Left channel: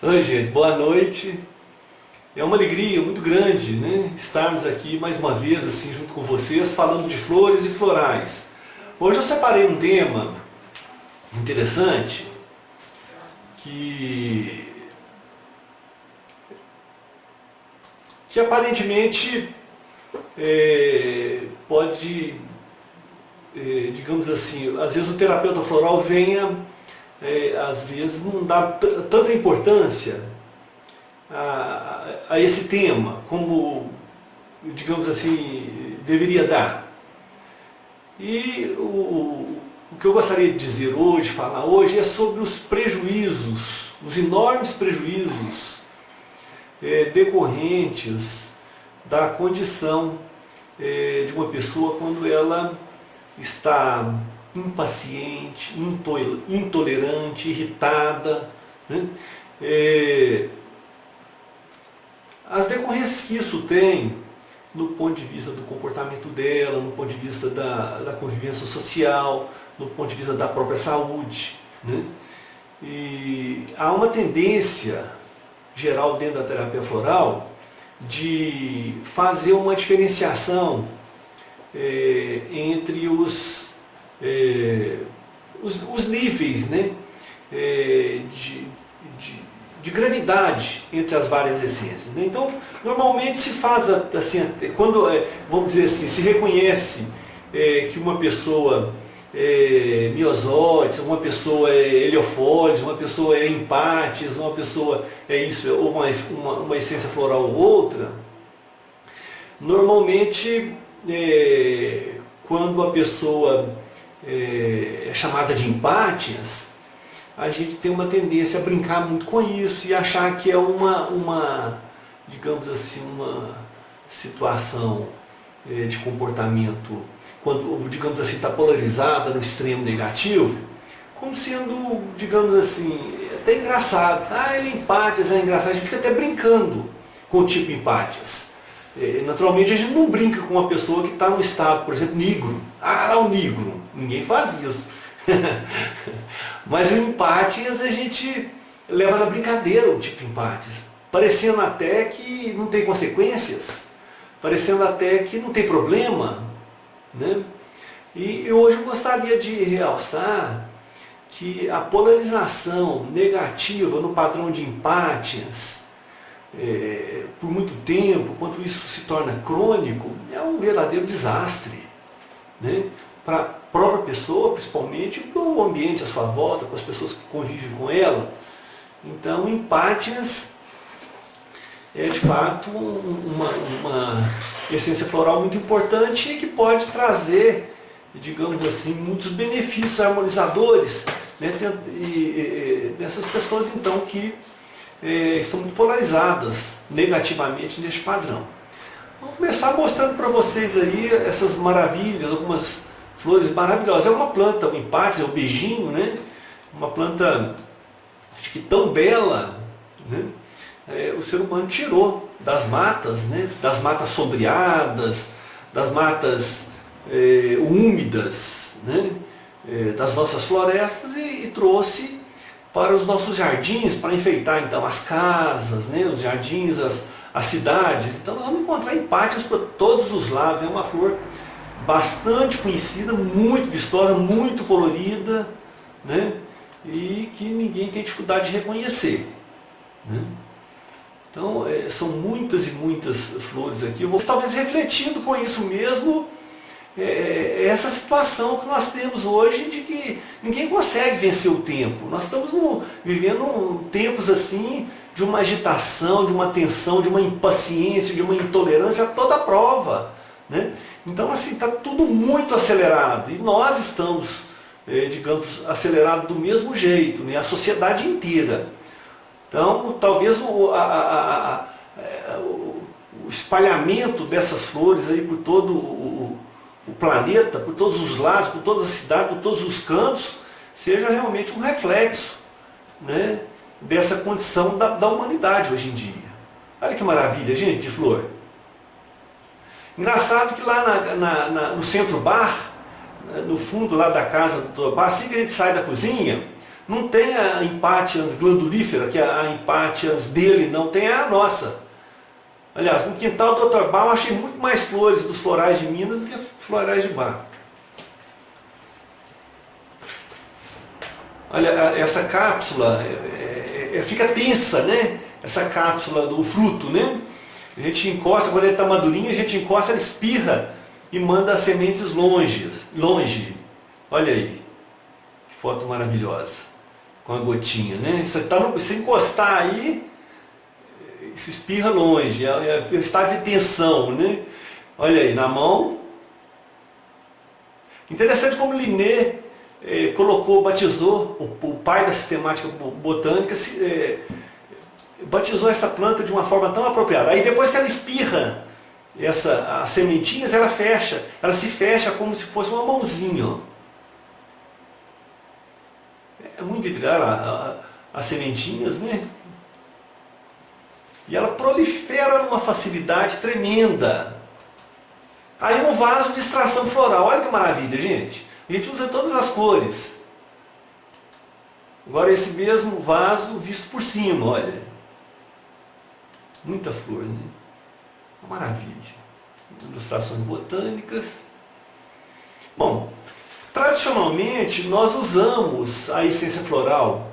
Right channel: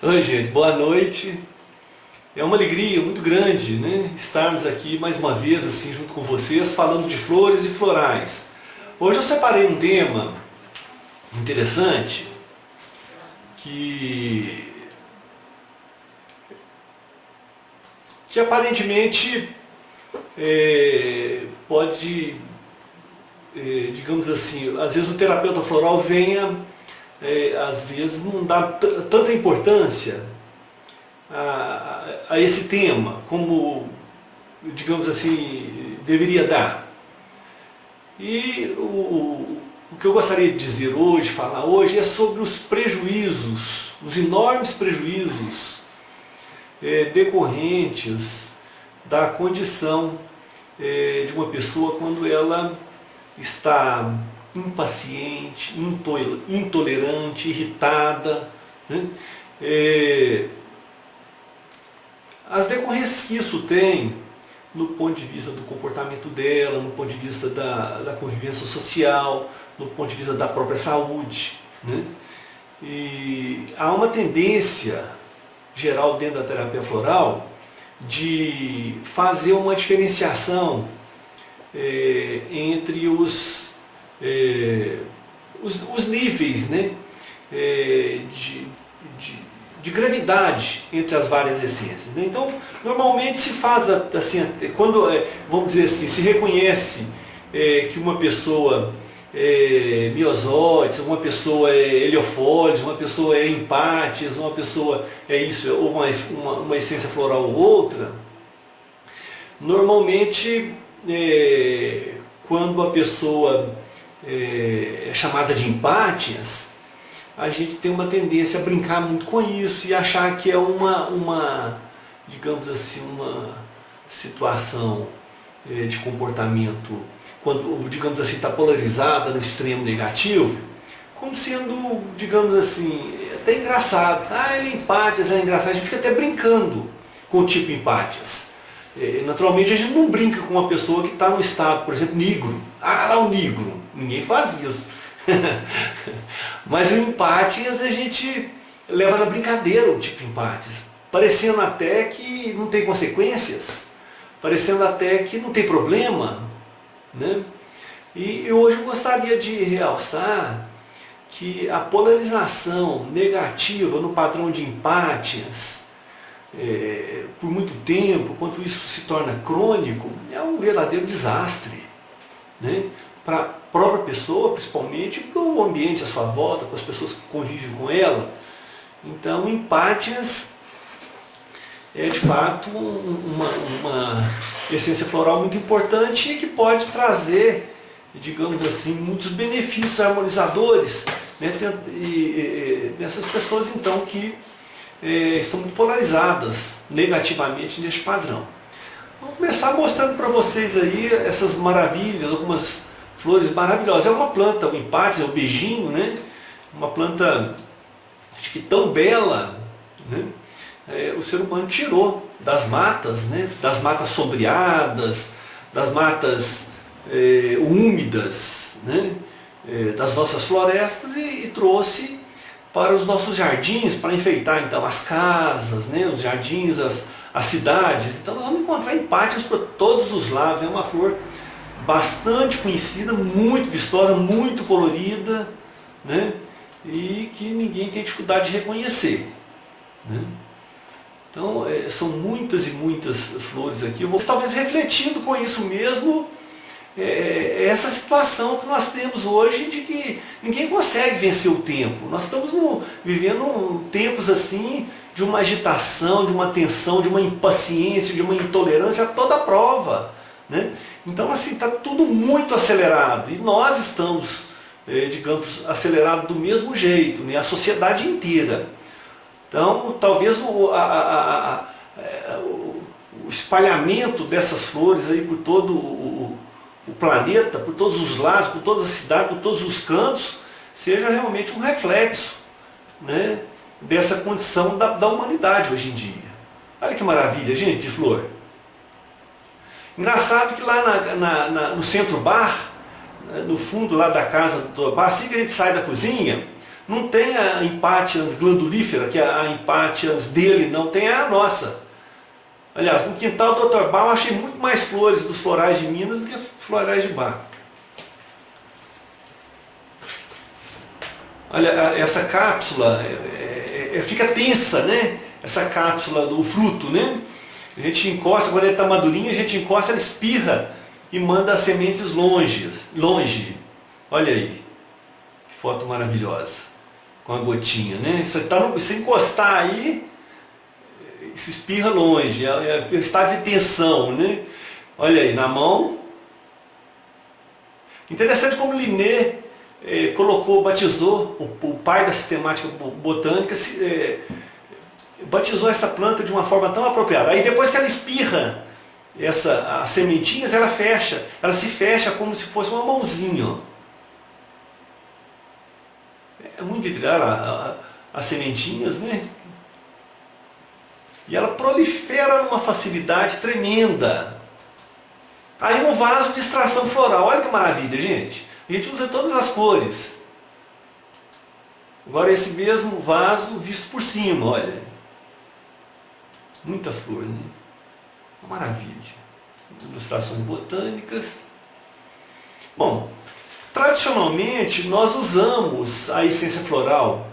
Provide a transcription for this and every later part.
Oi, gente, boa noite. É uma alegria muito grande, né, estarmos aqui mais uma vez assim junto com vocês, falando de flores e florais. Hoje eu separei um tema interessante que, que aparentemente pode, digamos assim, às vezes o terapeuta floral venha, às vezes não dá tanta importância a esse tema como, digamos assim, deveria dar. E o que eu gostaria de dizer hoje, falar hoje, é sobre os prejuízos, os enormes prejuízos decorrentes da condição de uma pessoa quando ela está impaciente, intolerante, irritada, né? As decorrências que isso tem no ponto de vista do comportamento dela, no ponto de vista da convivência social, no ponto de vista da própria saúde, né? E há uma tendência geral dentro da terapia floral de fazer uma diferenciação entre os níveis, né, de gravidade entre as várias essências, né? Então, normalmente se faz assim, quando, vamos dizer assim, se reconhece que uma pessoa é miosóides, uma pessoa é heliofólides, uma pessoa é empátis, uma pessoa é isso, ou uma essência floral ou outra, normalmente quando a pessoa é chamada de empátias, a gente tem uma tendência a brincar muito com isso e achar que é digamos assim, uma situação de comportamento, quando, digamos assim, está polarizada no extremo negativo, como sendo, digamos assim, até engraçado. Ah, ele é empátias, é engraçado. A gente fica até brincando com o tipo empátias. Naturalmente a gente não brinca com uma pessoa que está no estado, por exemplo, negro. Ah, lá o negro. Ninguém faz isso. Mas o empátias a gente leva na brincadeira o tipo empátias, parecendo até que não tem consequências, parecendo até que não tem problema, né? E hoje eu gostaria de realçar que a polarização negativa no padrão de empátias, por muito tempo, quando isso se torna crônico, é um verdadeiro desastre, né? Para a própria pessoa, principalmente, para o ambiente à sua volta, para as pessoas que convivem com ela. Então, empátias é de fato uma essência floral muito importante e que pode trazer, digamos assim, muitos benefícios harmonizadores, né, nessas pessoas então que estão muito polarizadas negativamente neste padrão. Vou começar mostrando para vocês aí essas maravilhas, algumas flores maravilhosas. É uma planta, o empátias, é um beijinho, né? Uma planta, acho que tão bela, né? O ser humano tirou das matas, né? Das matas sombreadas, das matas úmidas, né? Das nossas florestas e trouxe para os nossos jardins, para enfeitar então as casas, né? Os jardins, as cidades. Então nós vamos encontrar empátias por todos os lados. É uma flor bastante conhecida, muito vistosa, muito colorida, né? E que ninguém tem dificuldade de reconhecer, né? Então, são muitas e muitas flores aqui. Eu vou talvez refletindo com isso mesmo, essa situação que nós temos hoje de que ninguém consegue vencer o tempo. Nós estamos vivendo tempos assim de uma agitação, de uma tensão, de uma impaciência, de uma intolerância a toda prova, né? Então, assim, está tudo muito acelerado e nós estamos, digamos, acelerados do mesmo jeito, né? A sociedade inteira. Então, talvez o espalhamento dessas flores aí por todo o planeta, por todos os lados, por todas as cidades, por todos os cantos, seja realmente um reflexo, né, dessa condição da humanidade hoje em dia. Olha que maravilha, gente, de flor. Engraçado que lá no centro bar, no fundo lá da casa do Dr. Bar, assim que a gente sai da cozinha, Não tem a Impatiens glandulífera, que é a Impatiens dele, não tem a nossa. Aliás, no quintal do Dr. Bach eu achei muito mais flores dos florais de Minas do que florais de Bach. Olha, essa cápsula fica tensa, né? Essa cápsula do fruto, né? A gente encosta, quando ele está madurinho, a gente encosta, ela espirra e manda as sementes longe. Olha aí, que foto maravilhosa, com a gotinha, né? Se encostar aí, se espirra longe, é o estado de tensão, né? Olha aí, na mão. Interessante como Linné batizou, o pai da sistemática botânica, batizou essa planta de uma forma tão apropriada. Aí depois que ela espirra as sementinhas, ela se fecha como se fosse uma mãozinha. Ó. É muito intrigante as sementinhas, né? E ela prolifera numa facilidade tremenda. Aí um vaso de extração floral, olha que maravilha, gente. A gente usa todas as cores. Agora esse mesmo vaso visto por cima, olha. Muita flor, né? Uma maravilha. Ilustrações botânicas. Bom, tradicionalmente nós usamos a essência floral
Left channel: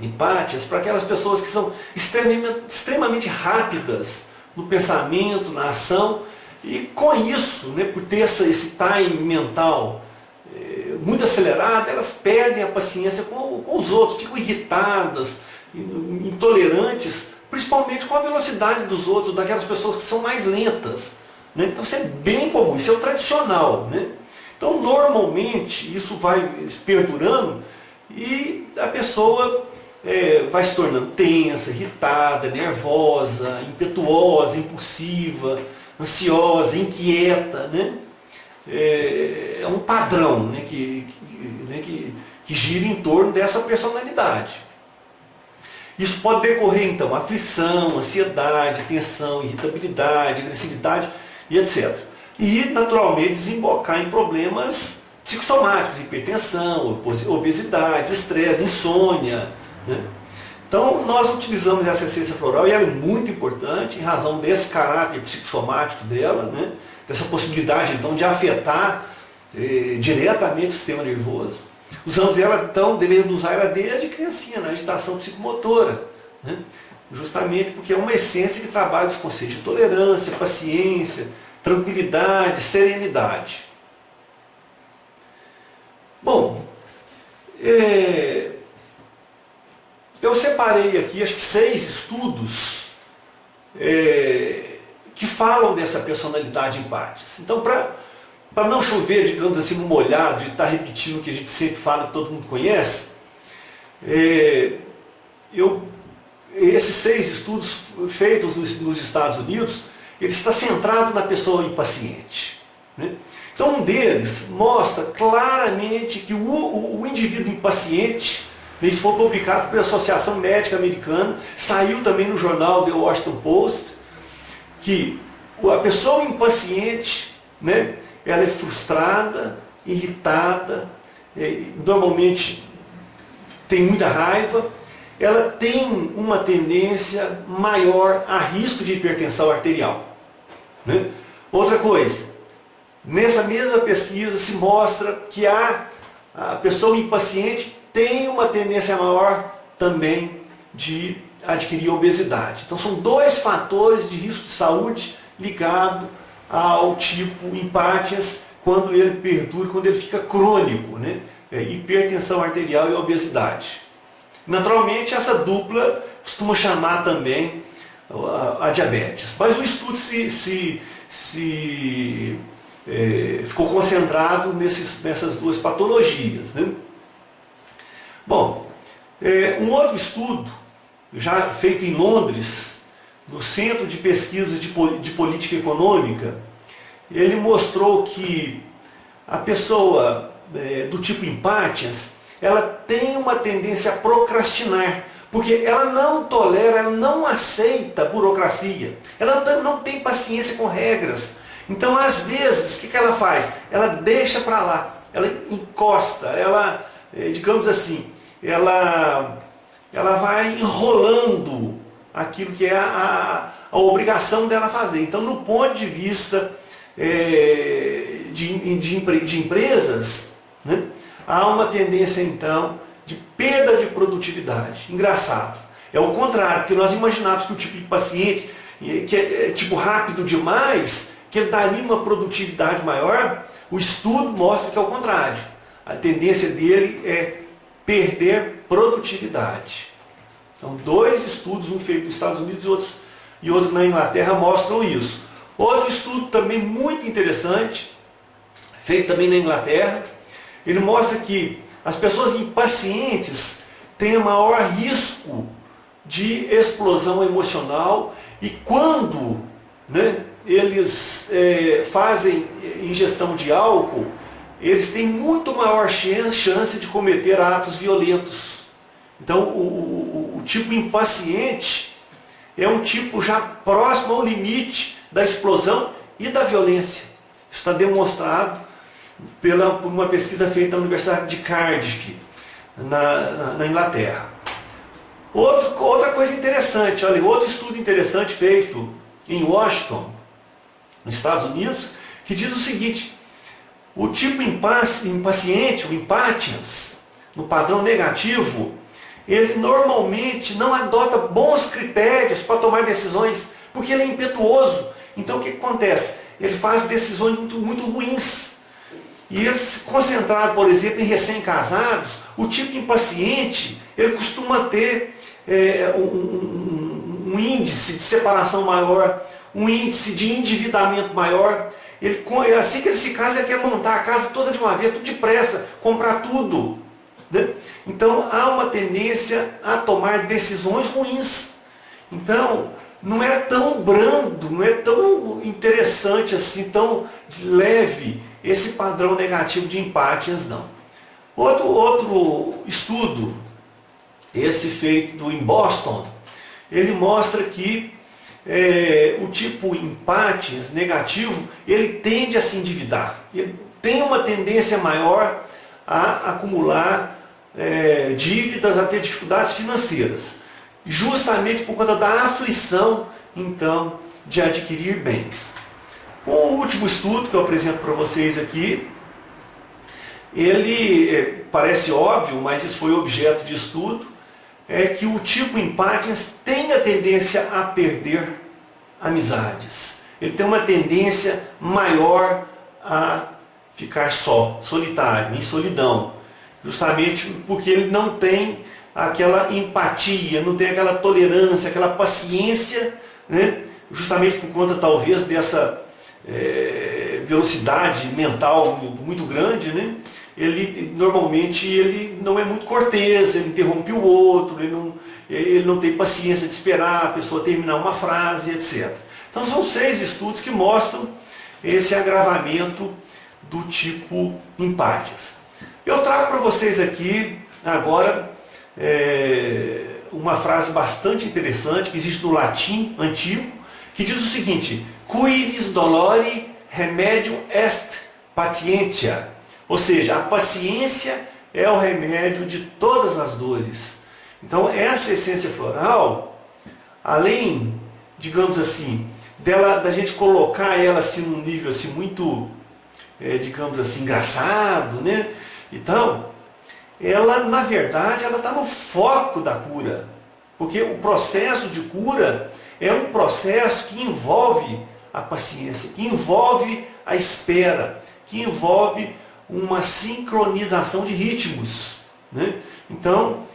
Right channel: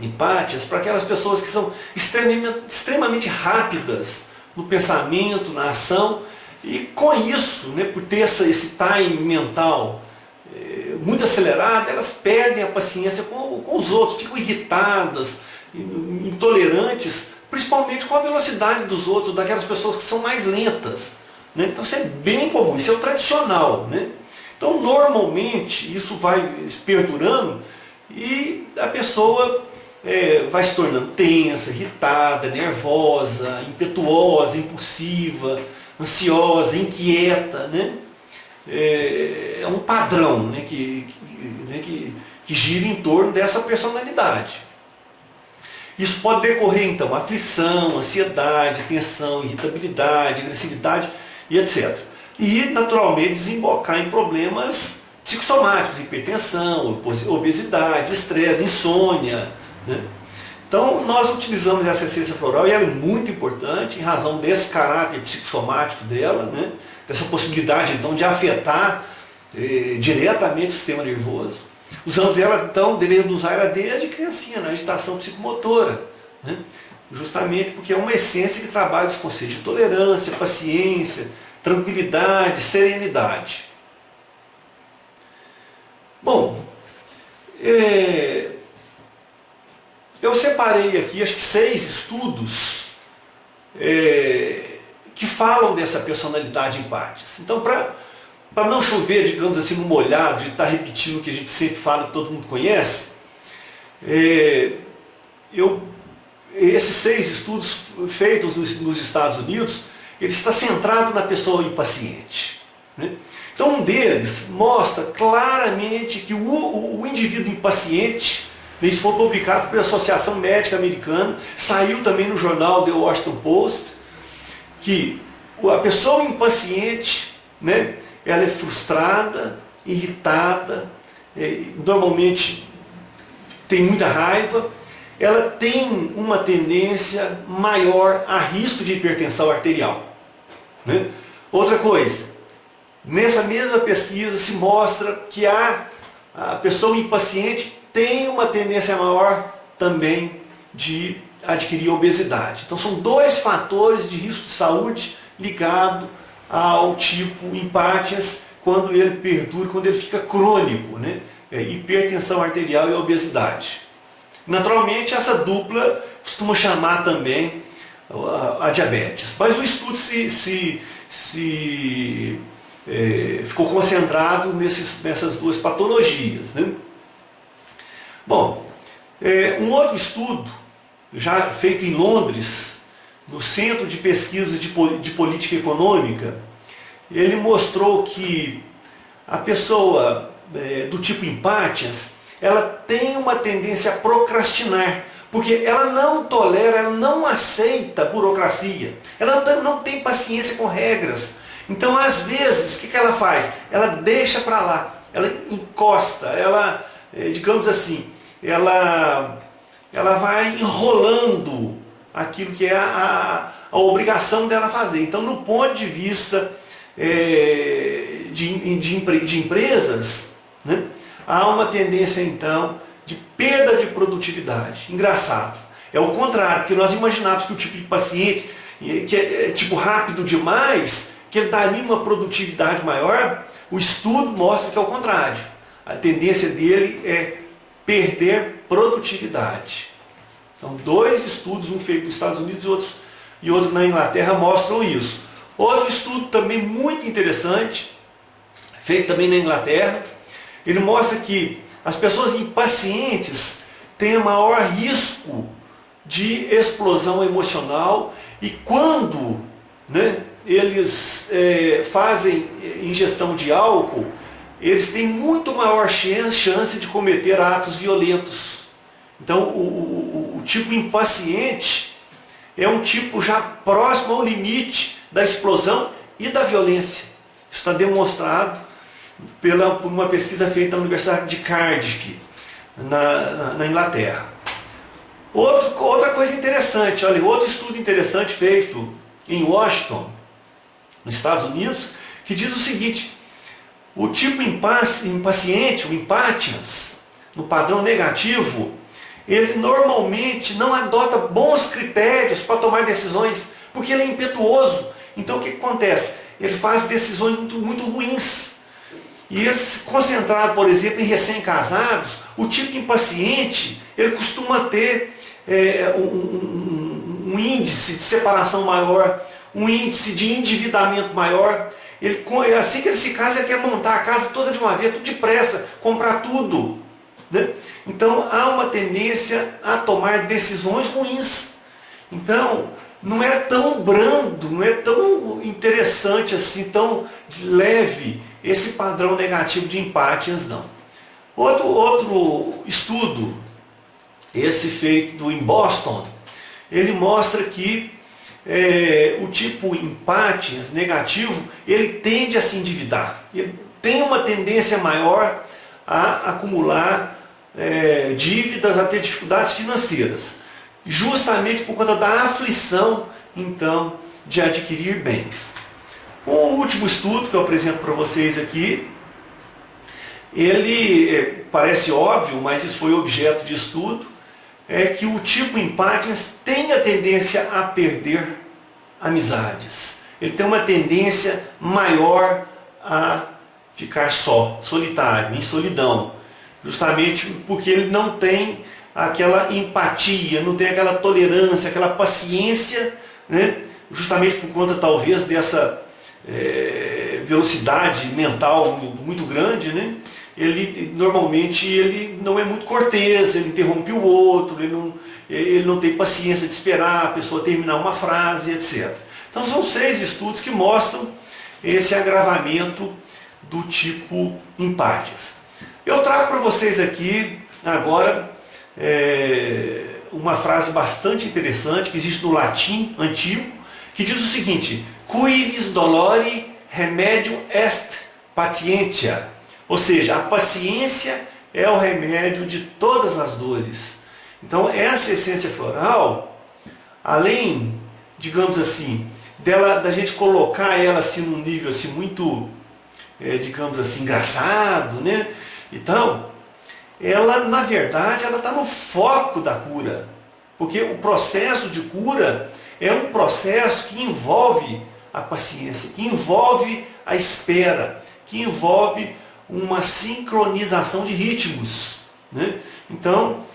Impatiens para aquelas pessoas que são extremamente rápidas no pensamento, na ação, e com isso, né, por ter esse time mental muito acelerado, elas perdem a paciência com os outros, ficam irritadas, intolerantes, principalmente com a velocidade dos outros, daquelas pessoas que são mais lentas. Né? Então isso é bem comum, isso é o tradicional. Né? Então normalmente isso vai perdurando e a pessoa vai se tornando tensa, irritada, nervosa, impetuosa, impulsiva, ansiosa, inquieta. Né? É um padrão, né, que gira em torno dessa personalidade. Isso pode decorrer então aflição, ansiedade, tensão, irritabilidade, agressividade e etc. E naturalmente desembocar em problemas psicossomáticos, hipertensão, obesidade, estresse, insônia. Né? Então nós utilizamos essa essência floral e ela é muito importante em razão desse caráter psicossomático dela, né? Dessa possibilidade então de afetar diretamente o sistema nervoso. Usamos ela então, devemos usar ela desde criancinha, na agitação psicomotora, né? Justamente porque é uma essência que trabalha os conceitos de tolerância, paciência, tranquilidade, serenidade. Bom, eu separei aqui acho que 6 estudos que falam dessa personalidade Impatiens. Então, para não chover, digamos assim, no molhado, de estar repetindo o que a gente sempre fala, que todo mundo conhece, esses 6 estudos feitos nos Estados Unidos, ele está centrado na pessoa impaciente. Né? Então, um deles mostra claramente que o indivíduo impaciente, isso foi publicado pela Associação Médica Americana, saiu também no jornal The Washington Post, que a pessoa impaciente, né, ela é frustrada, irritada, normalmente tem muita raiva, ela tem uma tendência maior a risco de hipertensão arterial. Né? Outra coisa, nessa mesma pesquisa se mostra que a pessoa impaciente tem uma tendência maior também de adquirir obesidade. Então são 2 fatores de risco de saúde ligado ao tipo Impatiens quando ele perdura, quando ele fica crônico, né? Hipertensão arterial e obesidade. Naturalmente essa dupla costuma chamar também a diabetes. Mas o estudo ficou concentrado nessas 2 patologias. Né? Bom, um outro estudo, já feito em Londres, no Centro de Pesquisas de Política Econômica, ele mostrou que a pessoa do tipo Impatiens, ela tem uma tendência a procrastinar, porque ela não tolera, ela não aceita a burocracia, ela não tem paciência com regras. Então, às vezes, o que ela faz? Ela deixa para lá, ela encosta, ela, digamos assim, ela vai enrolando aquilo que é a obrigação dela fazer. Então, no ponto de vista de empresas, né, há uma tendência, então, de perda de produtividade. Engraçado. É o contrário, porque nós imaginávamos que o tipo de paciente que é tipo rápido demais, que ele daria uma produtividade maior. O estudo mostra que é o contrário. A tendência dele é perder produtividade. Então, 2 estudos, um feito nos Estados Unidos e outro na Inglaterra, mostram isso. Outro estudo também muito interessante, feito também na Inglaterra, ele mostra que as pessoas impacientes têm maior risco de explosão emocional, e quando, né, eles fazem ingestão de álcool, eles têm muito maior chance de cometer atos violentos. Então, o tipo impaciente é um tipo já próximo ao limite da explosão e da violência. Isso está demonstrado por uma pesquisa feita na Universidade de Cardiff, na Inglaterra. Outra coisa interessante, olha, outro estudo interessante feito em Washington, nos Estados Unidos, que diz o seguinte: o tipo impaciente, o impatiens, no padrão negativo, ele normalmente não adota bons critérios para tomar decisões, porque ele é impetuoso. Então o que acontece? Ele faz decisões muito ruins. E ele, concentrado, por exemplo, em recém-casados, o tipo impaciente, ele costuma ter um índice de separação maior, um índice de endividamento maior. Assim que ele se casa, ele quer montar a casa toda de uma vez, tudo depressa, comprar tudo, né? Então há uma tendência a tomar decisões ruins. Então não é tão brando, não é tão interessante assim, tão leve esse padrão negativo de empátias, não. Outro estudo, esse feito em Boston, ele mostra que o tipo empátias negativo, ele tende a se endividar. Ele tem uma tendência maior a acumular dívidas, a ter dificuldades financeiras, justamente por conta da aflição, então, de adquirir bens. O último estudo que eu apresento para vocês aqui, ele parece óbvio, mas isso foi objeto de estudo, é que o tipo empátias tem a tendência a perder amizades. Ele tem uma tendência maior a ficar só, solitário, em solidão, justamente porque ele não tem aquela empatia, não tem aquela tolerância, aquela paciência, né? Justamente por conta talvez dessa velocidade mental muito grande, né? Normalmente ele não é muito cortês, ele interrompe o outro, ele não tem paciência de esperar a pessoa terminar uma frase, etc. Então são 6 estudos que mostram esse agravamento do tipo empátias. Eu trago para vocês aqui agora uma frase bastante interessante que existe no latim antigo, que diz o seguinte: cuivis dolori remedium est patientia. Ou seja, a paciência é o remédio de todas as dores. Então essa essência floral, além, digamos assim, da gente colocar ela assim num nível assim muito, digamos assim, engraçado, né? Então, ela na verdade ela está no foco da cura, porque o processo de cura é um processo que envolve a paciência, que envolve a espera, que envolve uma sincronização de ritmos, né? Então,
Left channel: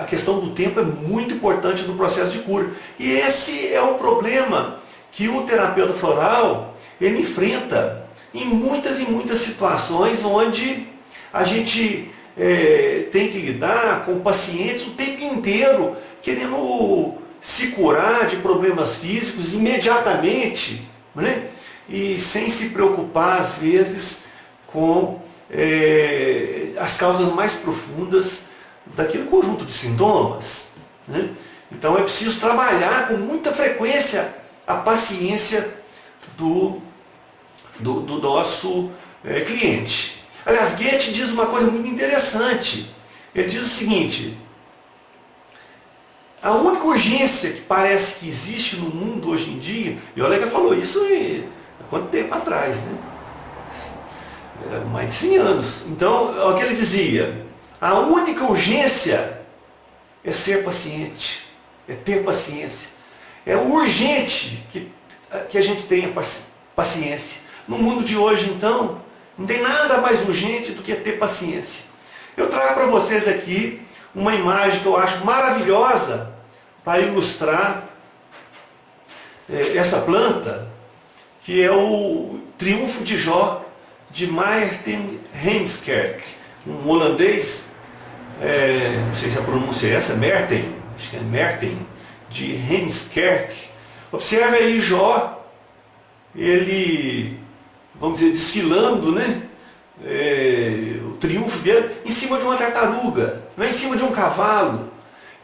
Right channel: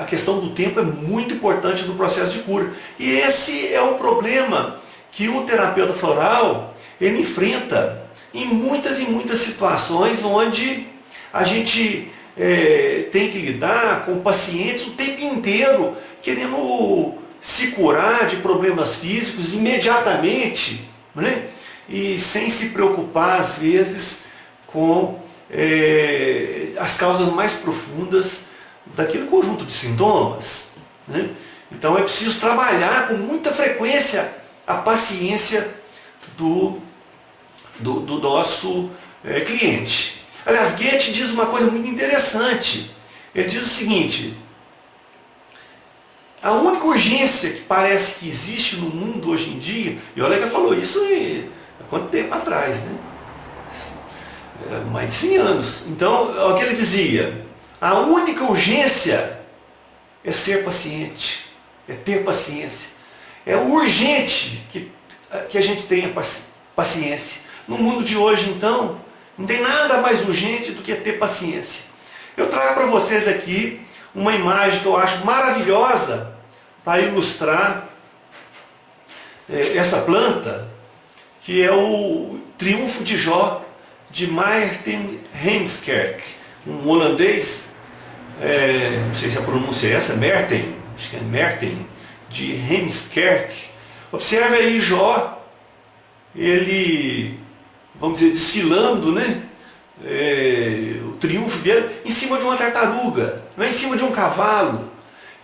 a questão do tempo é muito importante no processo de cura. E esse é um problema que o terapeuta floral ele enfrenta em muitas situações onde a gente tem que lidar com pacientes o tempo inteiro querendo se curar de problemas físicos imediatamente, né? E sem se preocupar às vezes com as causas mais profundas daquele conjunto de sintomas, né? Então é preciso trabalhar com muita frequência a paciência do nosso cliente. Aliás, Goethe diz uma coisa muito interessante. Ele diz o seguinte: a única urgência que parece que existe no mundo hoje em dia, e olha que ele falou isso há quanto tempo atrás, né? Mais de 100 anos. Então, é o que ele dizia: a única urgência é ser paciente, é ter paciência. É urgente que a gente tenha paciência. No mundo de hoje, então, não tem nada mais urgente do que ter paciência. Eu trago para vocês aqui uma imagem que eu acho maravilhosa para ilustrar essa planta, que é o Triunfo de Jó, de Maarten Heemskerk, um holandês, não sei se a pronúncia é essa, Maarten, acho que é Maarten, de Heemskerk. Observe aí Jó, ele, vamos dizer, desfilando, né? O triunfo dele em cima de uma tartaruga, não é em cima de um cavalo.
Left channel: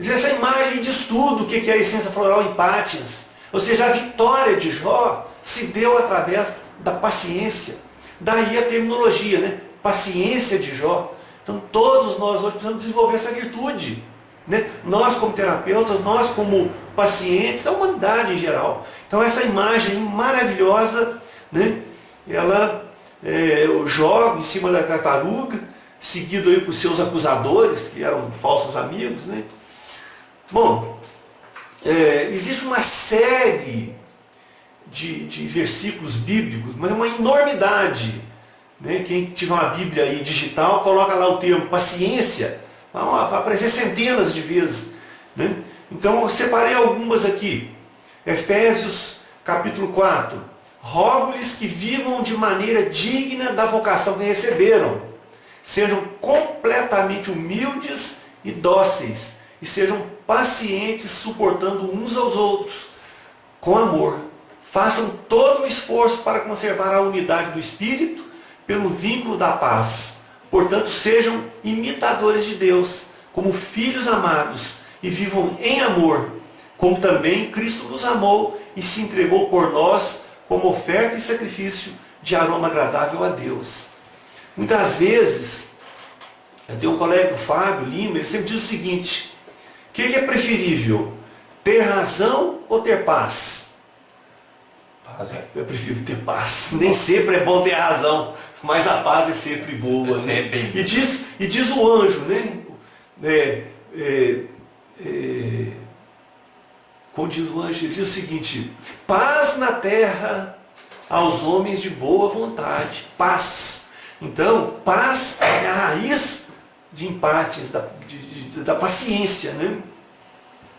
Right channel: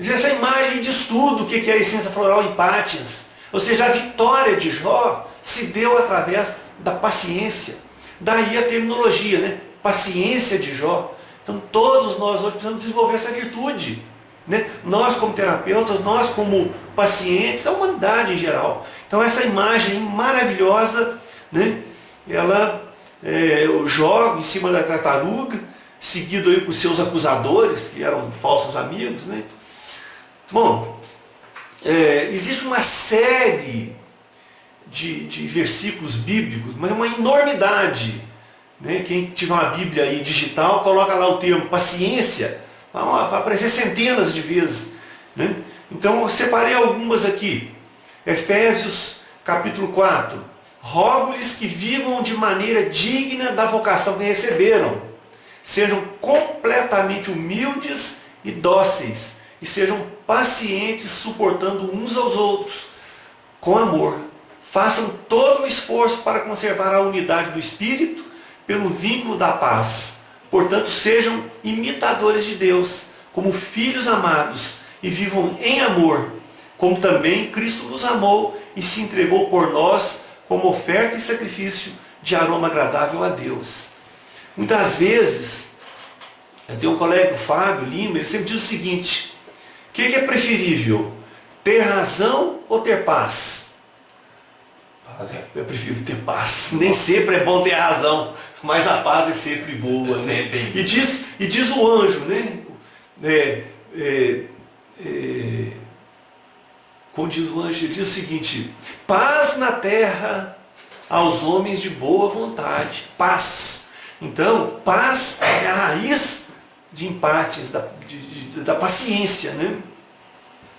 Essa imagem diz tudo o que é a essência floral em Pátias. Ou seja, a vitória de Jó se deu através da paciência. Daí a terminologia, né? Paciência de Jó. Então todos nós hoje precisamos desenvolver essa virtude, né? Nós como terapeutas, nós como pacientes, a humanidade em geral. Então essa imagem maravilhosa, né? Ela, o Jó em cima da tartaruga, seguido aí por seus acusadores, que eram falsos amigos, né? Bom, existe uma série de versículos bíblicos, mas é uma enormidade, né? Quem tiver uma Bíblia aí digital, coloca lá o termo paciência, vai aparecer centenas de vezes, né? Então eu separei algumas aqui. Efésios capítulo 4: rogo-lhes que vivam de maneira digna da vocação que receberam, sejam completamente humildes e dóceis, e sejam pacientes, suportando uns aos outros com amor. Façam todo o esforço para conservar a unidade do Espírito pelo vínculo da paz. Portanto, sejam imitadores de Deus, como filhos amados, e vivam em amor, como também Cristo nos amou e se entregou por nós como oferta e sacrifício de aroma agradável a Deus. Muitas vezes, eu tenho um colega, o Fábio Lima, ele sempre diz o seguinte: o que é preferível, ter razão ou ter paz? Eu prefiro ter paz. Nem sempre é bom ter razão, mas a paz é sempre boa. Né? E diz o anjo, né? Como diz o anjo, ele diz o seguinte: paz na terra aos homens de boa vontade. Paz. Então, paz é a raiz de empates, da paciência, né?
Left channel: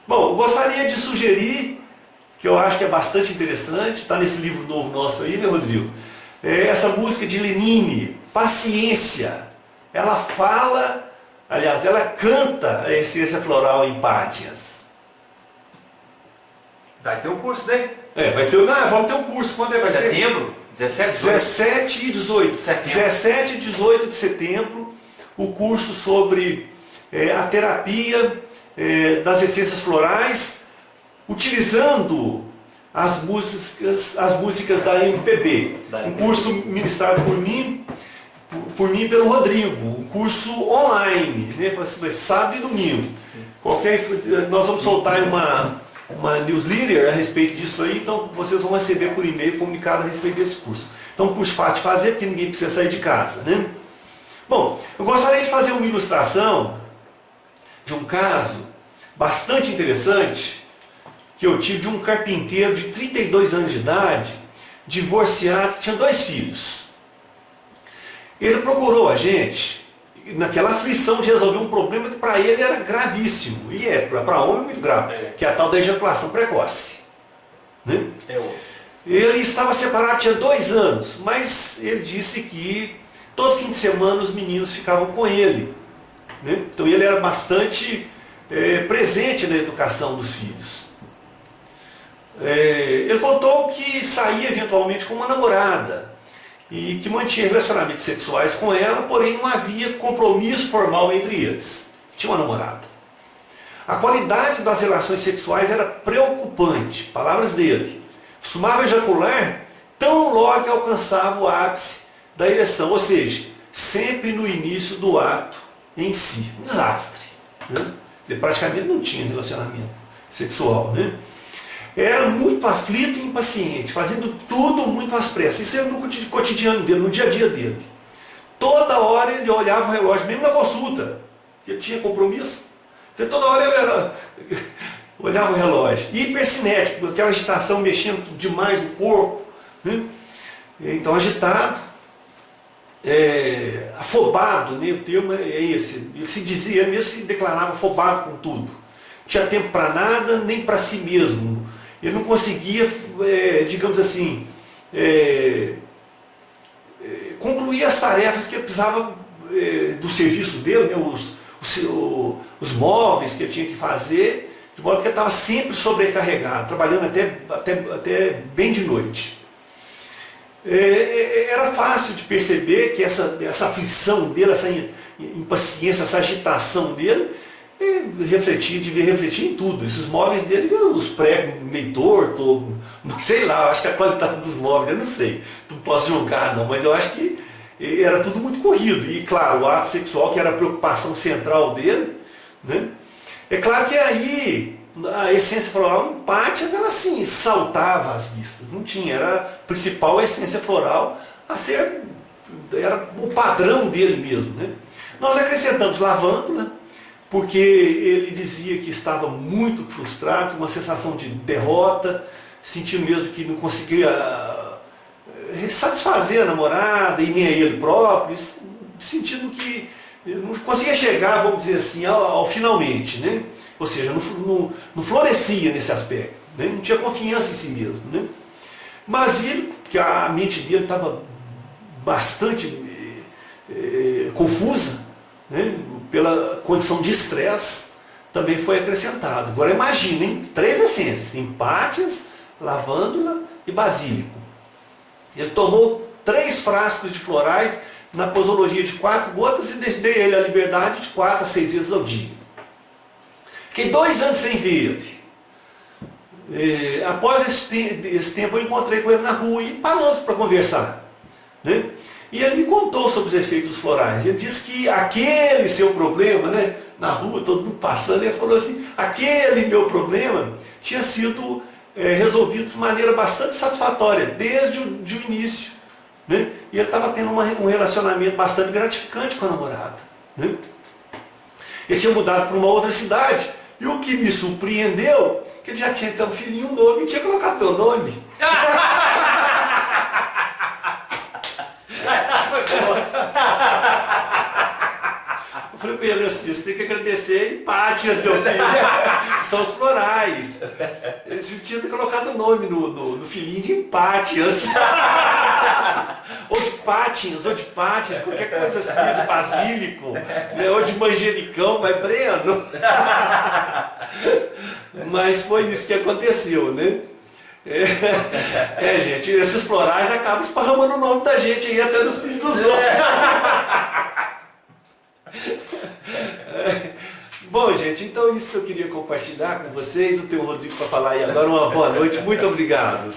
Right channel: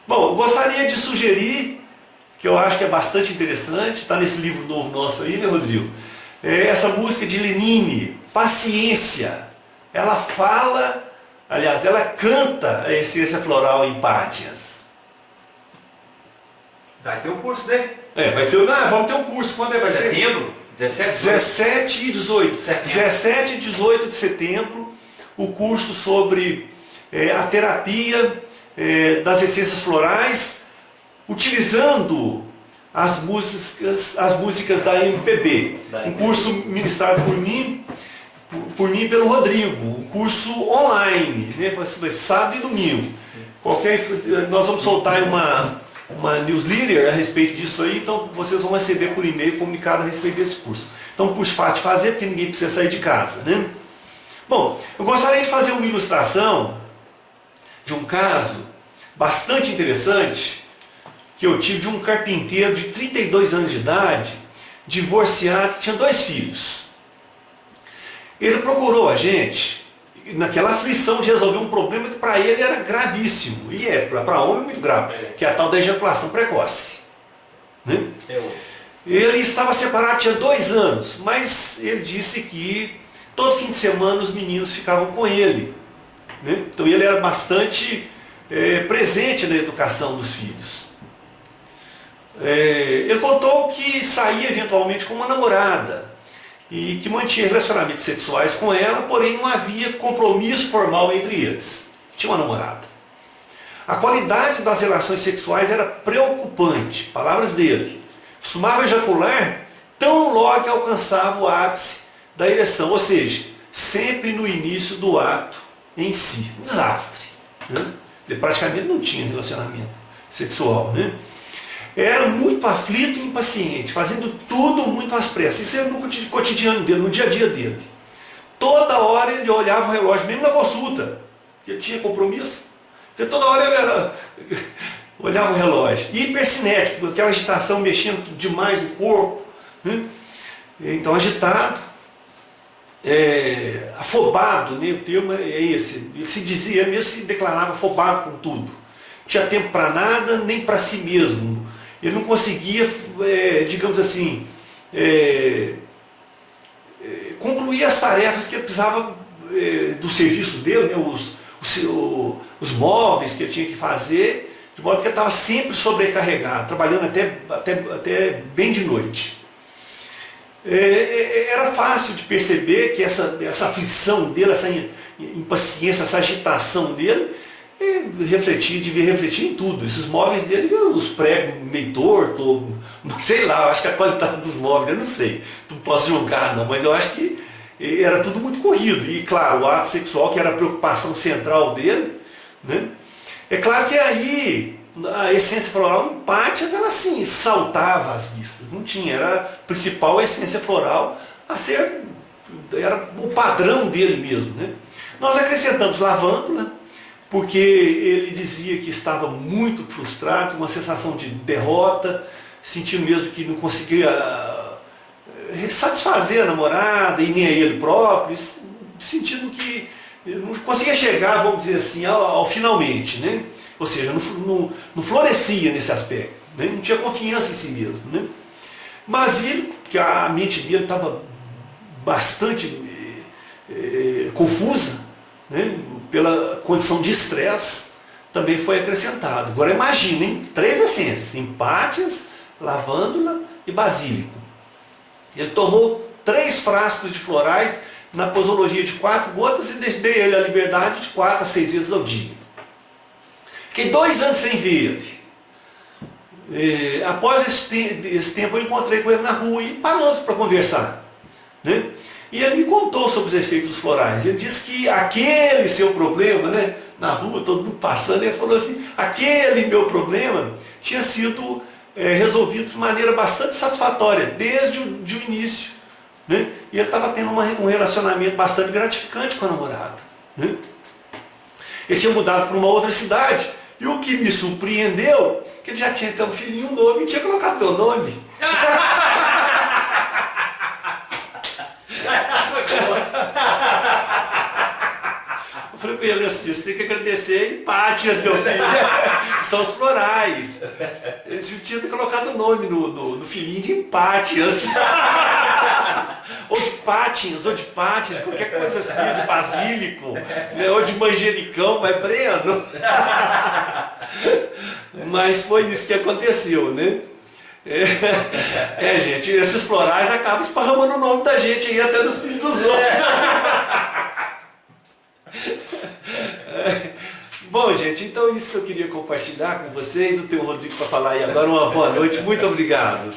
Bom, eu gostaria de sugerir, que eu acho que é bastante interessante, está nesse livro novo nosso aí, né, Rodrigo? Essa música de Lenine, Paciência. Ela fala, aliás, ela canta a essência floral em Pátias. Vai ter um curso, né? Vamos ter um curso. Quando vai ser? Setembro? 17 e 18. Setembro. 17 e 18 de setembro, o curso sobre a terapia das essências florais, utilizando as músicas da MPB. Um curso ministrado por mim e pelo Rodrigo. Um curso online, né? Sábado e domingo. Nós vamos soltar uma newsletter a respeito disso aí, então vocês vão receber por e-mail comunicado a respeito desse curso. Então, um curso fácil de fazer, porque ninguém precisa sair de casa, né? Bom, eu gostaria de fazer uma ilustração de um caso bastante interessante que eu tive de um carpinteiro de 32 anos de idade, divorciado, que tinha 2 filhos. Ele procurou a gente naquela aflição de resolver um problema que para ele era gravíssimo, e para homem muito grave, que é a tal da ejaculação precoce. Né? Ele estava separado, tinha 2 anos, mas ele disse que todo fim de semana os meninos ficavam com ele. Né? Então ele era bastante presente na educação dos filhos. Ele contou que saía eventualmente com uma namorada e que mantinha relacionamentos sexuais com ela, porém não havia compromisso formal entre eles. Tinha uma namorada. A qualidade das relações sexuais era preocupante, palavras dele. Costumava ejacular tão logo que alcançava o ápice da ereção, ou seja, sempre no início do ato em si. Um desastre. Né? Ele praticamente não tinha relacionamento sexual. Né? Era muito aflito e impaciente, fazendo tudo muito às pressas. Isso era no cotidiano dele, no dia a dia dele. Toda hora ele olhava o relógio, mesmo na consulta, porque ele tinha compromisso. Então, toda hora ele olhava o relógio. E hipercinético, aquela agitação mexendo demais o corpo. Né? Então, agitado, afobado, né? O termo é esse. Ele se dizia, mesmo se declarava afobado com tudo. Não tinha tempo para nada, nem para si mesmo. Ele não conseguia, digamos assim, concluir as tarefas que ele precisava do serviço dele, né? Os móveis que ele tinha que fazer, de modo que ele estava sempre sobrecarregado, trabalhando até bem de noite. Era fácil de perceber que essa aflição dele, essa impaciência, essa agitação dele, devia refletir em tudo. Esses móveis dele, os pregos meio tortos, sei lá, eu acho que a qualidade dos móveis, eu não sei, não posso julgar não, mas eu acho que era tudo muito corrido. E claro, o ato sexual, que era a preocupação central dele, né? É claro que aí a essência floral em Pátias, ela assim, saltava as listas, não tinha, era a principal essência floral a ser, era o padrão dele mesmo. Né? Nós acrescentamos lavândula, porque ele dizia que estava muito frustrado, uma sensação de derrota, sentindo mesmo que não conseguia satisfazer a namorada e nem a ele próprio, sentindo que não conseguia chegar, vamos dizer assim, ao finalmente, né? Ou seja, não florescia nesse aspecto, né? Não tinha confiança em si mesmo. Né? Mas ele, que a mente dele estava bastante confusa, né? Pela condição de estresse, também foi acrescentado. Agora imaginem, 3 essências, empátias, lavândula e basílico. Ele tomou 3 frascos de florais na posologia de 4 gotas e dei ele a liberdade de 4 a 6 vezes ao dia. Fiquei 2 anos sem ver ele. Após esse tempo eu encontrei com ele na rua e paramos para conversar. Né? E ele me contou sobre os efeitos dos florais. Ele disse que aquele seu problema, né, na rua, todo mundo passando, ele falou assim, aquele meu problema tinha sido resolvido de maneira bastante satisfatória, desde o início. Né? E ele estava tendo um relacionamento bastante gratificante com a namorada. Né? Ele tinha mudado para uma outra cidade, e o que me surpreendeu, que ele já tinha até um filhinho novo e tinha colocado meu nome. Eu falei com ele assim, você tem que agradecer Empátias, meu filho. São os florais. Eles tinham colocado o nome no filhinho de Empátias. Ou de Pátias, qualquer coisa assim, de basílico, né? Ou de manjericão, vai Breno. Mas foi isso que aconteceu, né? Gente, esses florais acabam esparramando o nome da gente aí até nos filhos dos outros. Bom, gente, então isso que eu queria compartilhar com vocês. Eu tenho o Rodrigo para falar aí agora. Uma boa noite, muito obrigado.